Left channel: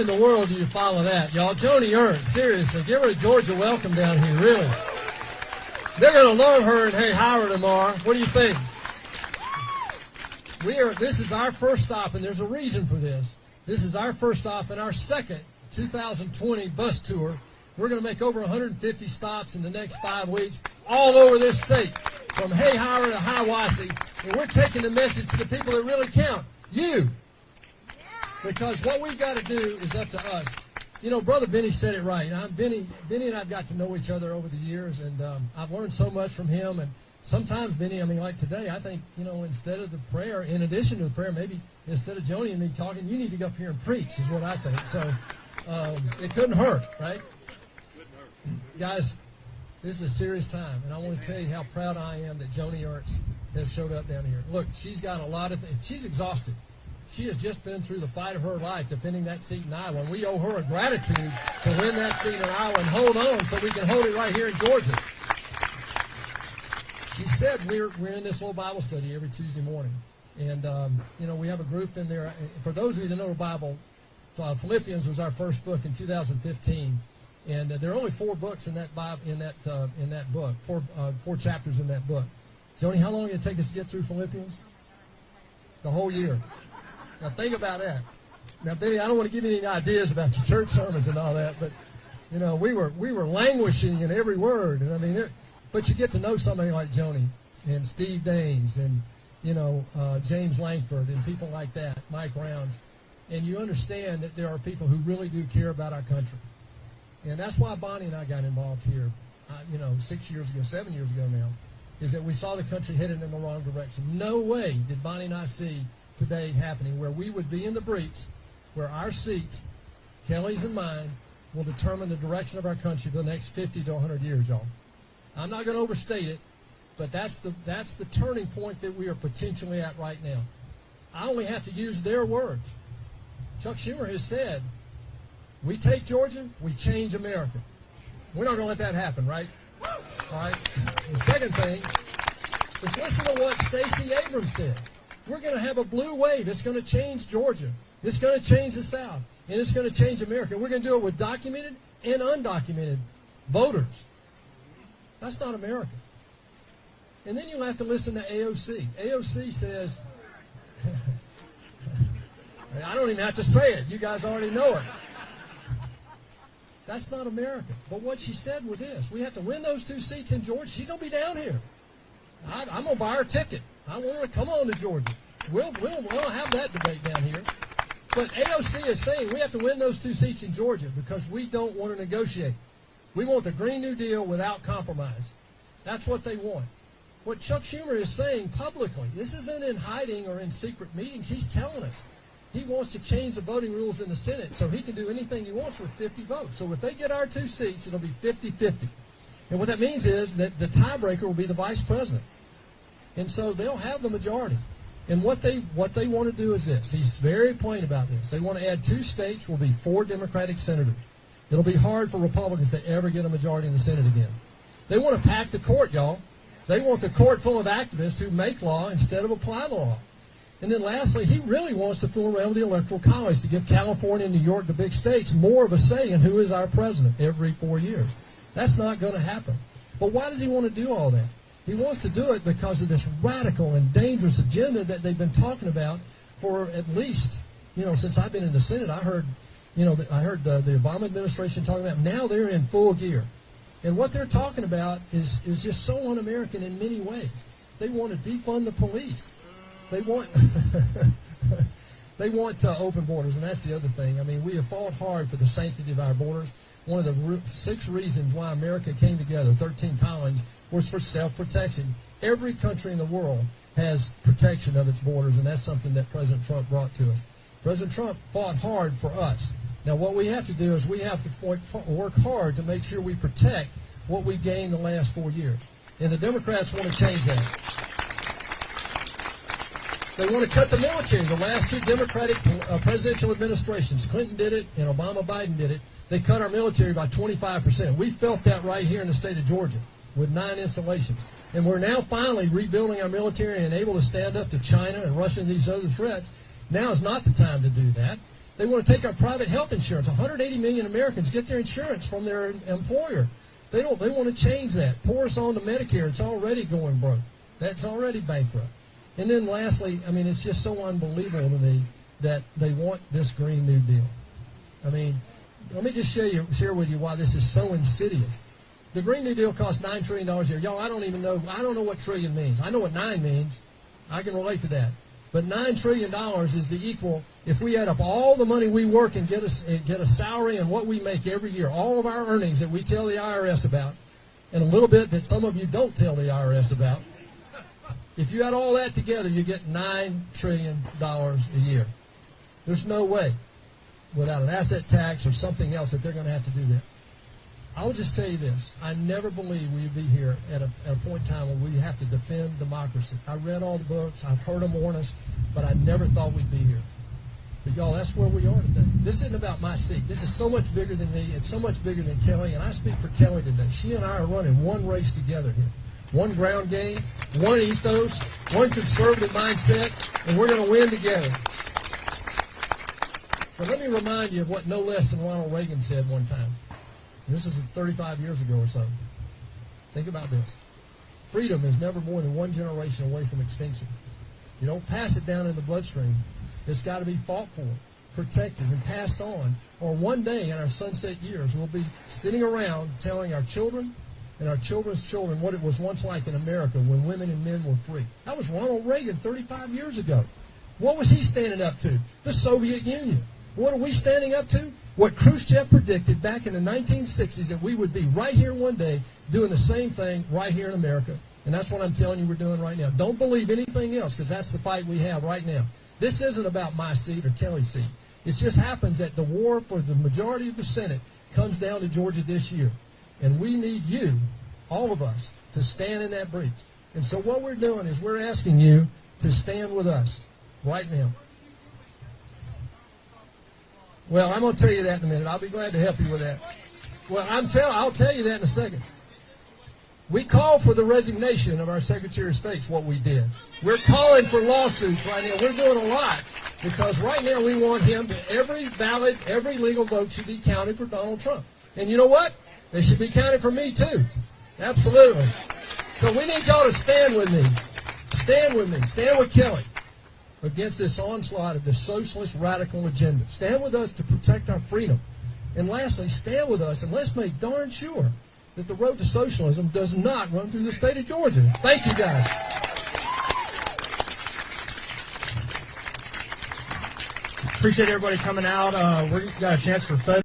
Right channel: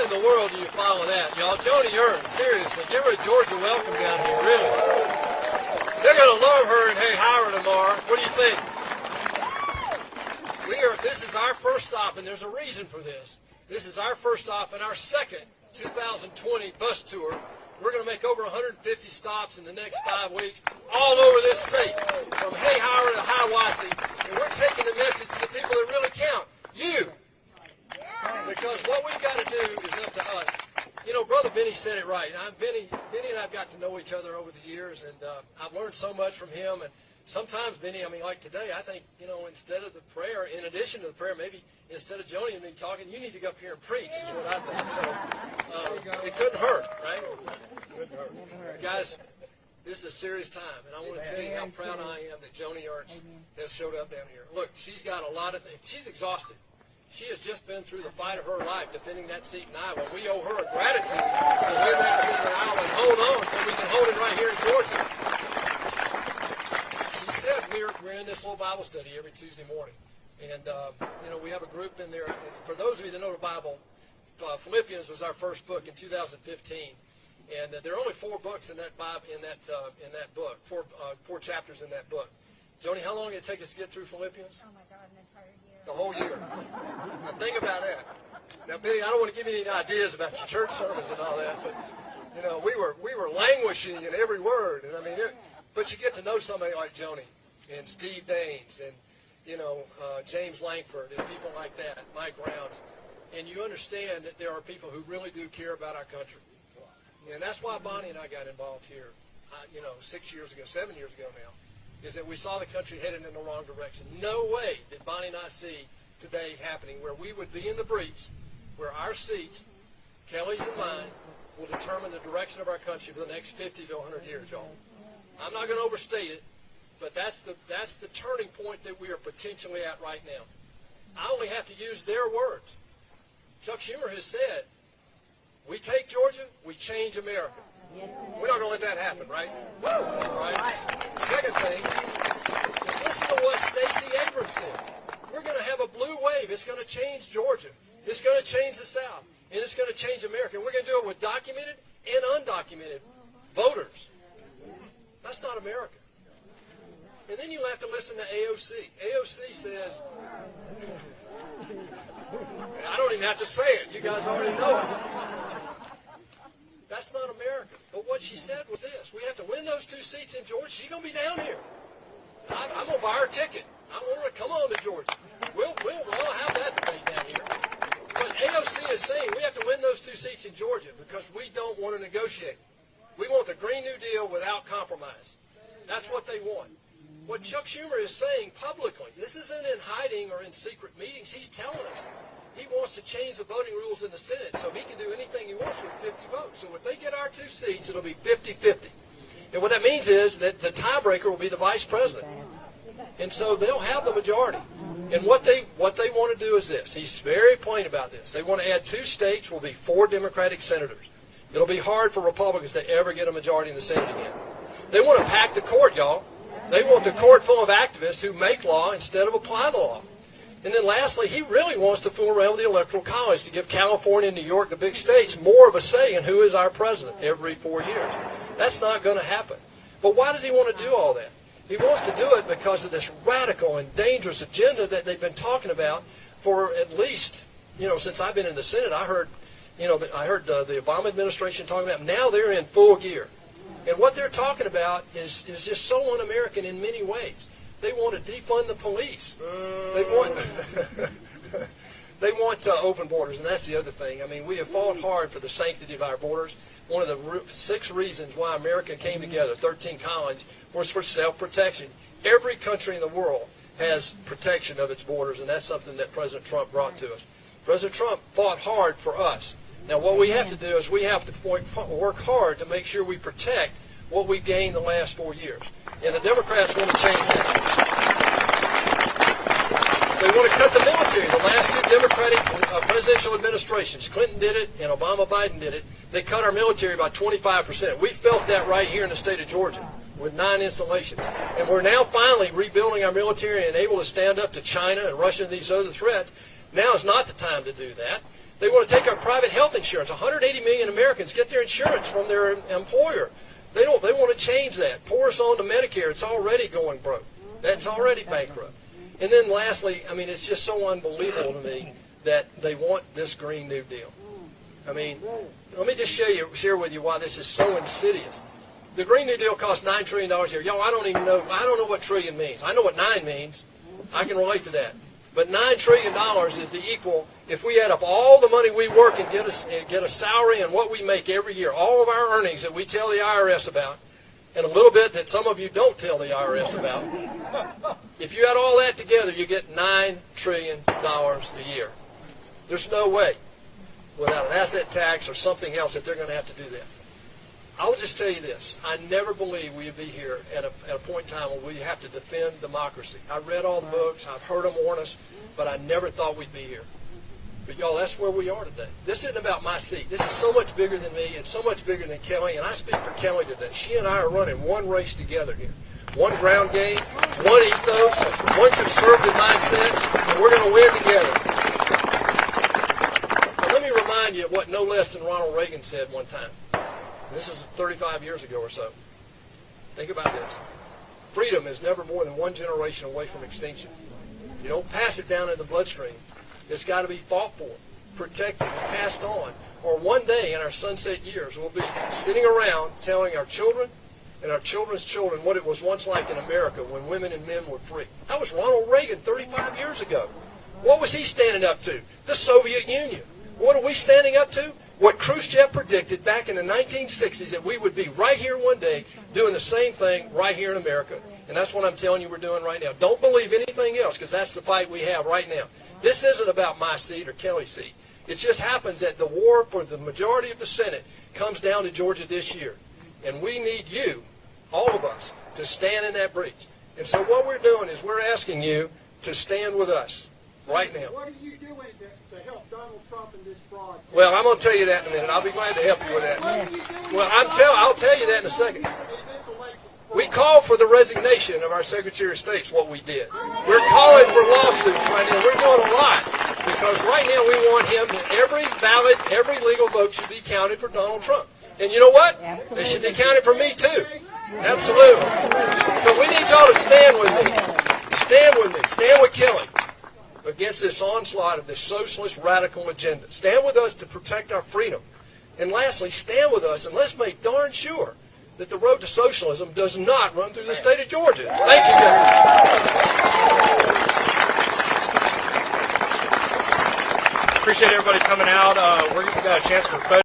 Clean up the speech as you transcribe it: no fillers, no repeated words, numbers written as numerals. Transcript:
in the world do you follow that, y'all? Joni Ernst, seriously, give her a Georgia welcome down here, really. They're going to love her in Hey Howard tomorrow. What do you think? This is our first stop, and there's a reason for this. This is our first stop in our second 2020 bus tour. We're going to make over 150 stops in the next 5 weeks all over this state, from Hey Howard to Hiawassee, and we're taking the message to the people that really count, you. Because what we've got to do is up to us. You know, Brother Benny said it right. Now, Benny and I've got to know each other over the years, and I've learned so much from him. And sometimes, Benny, I mean, like today, I think, you know, instead of the prayer, in addition to the prayer, maybe instead of Joni and me talking, you need to go up here and preach, is what I think. So it couldn't hurt, right? Guys, this is a serious time, and I want to tell you how proud I am that Joni Ernst has showed up down here. Look, she's got a lot of things. She's exhausted. She has just been through the fight of her life defending that seat in Iowa. We owe her a gratitude for winning that seat in Iowa and hold on so we can hold it right here in Georgia. She said we're in this little Bible study every Tuesday morning. And, you know, we have a group in there. For those of you that know the Bible, Philippians was our first book in 2015. And there are only 4 books in that Bible, in that book, four chapters in that book. Joni, how long did it take us to get through Philippians? The whole year. Now think about that. Now, Benny, I don't want to give you any ideas about your church sermons and all that, but you know, we were languishing in every word. I mean, but you get to know somebody like Joni and Steve Daines and you know James Langford and people like that, Mike Rounds, and you understand that there are people who really do care about our country, and that's why Bonnie and I got involved here. You know, 6 years ago, 7 years ago now, is that we saw the country headed in the wrong direction. No way did Bonnie and I see today happening where we would be in the breach, where our seats, Kelly's and mine, will determine the direction of our country for the next 50 to 100 years, y'all. I'm not going to overstate it, but that's the turning point that we are potentially at right now. I only have to use their words. Chuck Schumer has said, we take Georgia, we change America. We're not going to let that happen, right? All right. The second thing is listen to what Stacey Abrams said. We're going to have a blue wave. It's going to change Georgia. It's going to change the South. And it's going to change America. We're going to do it with documented and undocumented voters. That's not America. And then you have to listen to AOC. AOC says, I don't even have to say it. You guys already know it. That's not America. But what she said was this. We have to win those 2 seats in Georgia. She's going to be down here. I'm going to buy her a ticket. I want her to come on to Georgia. We'll have that debate down here. But AOC is saying we have to win those 2 seats in Georgia because we don't want to negotiate. We want the Green New Deal without compromise. That's what they want. What Chuck Schumer is saying publicly, this isn't in hiding or in secret meetings. He's telling us he wants to change the voting rules in the Senate so he can do anything he wants with 50 votes. So if they get our 2 seats, it'll be 50-50. And what that means is that the tiebreaker will be the vice president. And so they'll have the majority. And what they want to do is this. He's very plain about this. They want to add 2 states will be 4 Democratic senators. It'll be hard for Republicans to ever get a majority in the Senate again. They want to pack the court, y'all. They want the court full of activists who make law instead of apply the law. And then lastly, he really wants to fool around the Electoral College to give California and New York, the big states, more of a say in who is our president every 4 years. That's not going to happen. But why does he want to do all that? He wants to do it because of this radical and dangerous agenda that they've been talking about for at least, you know, since I've been in the Senate. I heard the Obama administration talking about. Now they're in full gear. And what they're talking about is just so un-American in many ways. They want to defund the police. They want they want open borders, and that's the other thing. I mean, we have fought hard for the sanctity of our borders. One of the 6 reasons why America came together, 13 colonies, was for self-protection. Every country in the world has protection of its borders, and that's something that President Trump brought to us. President Trump fought hard for us. Now, what we have to do is we have to work hard to make sure we protect what we gained the last 4 years. And the Democrats want to change that. They want to cut the military. The last 2 Democratic presidential administrations, Clinton did it and Obama-Biden did it. They cut our military by 25%. We felt that right here in the state of Georgia with 9 installations. And we're now finally rebuilding our military and able to stand up to China and Russia and these other threats. Now is not the time to do that. They want to take our private health insurance. 180 million Americans get their insurance from their employer. They want to change that. Pour us on to Medicare. It's already going broke. That's already bankrupt. And then lastly, I mean, it's just so unbelievable to me that they want this Green New Deal. I mean, let me just share with you why this is so insidious. The Green New Deal costs $9 trillion a year. Y'all, I don't know what trillion means. I know what 9 means. I can relate to that. But $9 trillion is the equal, if we add up all the money we work and get a salary and what we make every year, all of our earnings that we tell the IRS about, and a little bit that some of you don't tell the IRS about, if you add all that together, you get $9 trillion a year. There's no way, without an asset tax or something else, that they're going to have to do that. I'll just tell you this. I never believed we'd be here at a point in time where we have to defend democracy. I read all the books. I've heard them warn us, but I never thought we'd be here. But, y'all, that's where we are today. This isn't about my seat. This is so much bigger than me. It's so much bigger than Kelly, and I speak for Kelly today. She and I are running one race together here. One ground game, one ethos, one conservative mindset, and we're going to win together. But let me remind you of what no less than Ronald Reagan said one time. And this is 35 years ago or so. Think about this. Freedom is never more than one generation away from extinction. You don't pass it down in the bloodstream. It's got to be fought for, protected, and passed on. Or one day in our sunset years, we'll be sitting around telling our children and our children's children what it was once like in America when women and men were free. That was Ronald Reagan 35 years ago. What was he standing up to? The Soviet Union. What are we standing up to? What Khrushchev predicted back in the 1960s, that we would be right here one day doing the same thing right here in America. And that's what I'm telling you we're doing right now. Don't believe anything else, because that's the fight we have right now. This isn't about my seat or Kelly's seat. It just happens that the war for the majority of the Senate comes down to Georgia this year. And we need you, all of us, to stand in that breach. And so what we're doing is we're asking you to stand with us right now. What are you doing to help Donald Trump in this fraud? Well, I'm going to tell you that in a minute. I'll be glad to help you with that. Well, I'll tell you that in a second. We called for the resignation of our Secretary of State, what we did. We're calling for lawsuits right now. We're doing a lot because right now we want him, every legal vote should be counted for Donald Trump. And you know what? They should be counted for me too. Absolutely. So we need y'all to stand with me. Stand with me. Stand with Kelly against this onslaught of this socialist radical agenda. Stand with us to protect our freedom. And lastly, stand with us and let's make darn sure that the road to socialism does not run through the state of Georgia. Thank you, guys. Appreciate everybody coming out. We're going to have a chance for photos.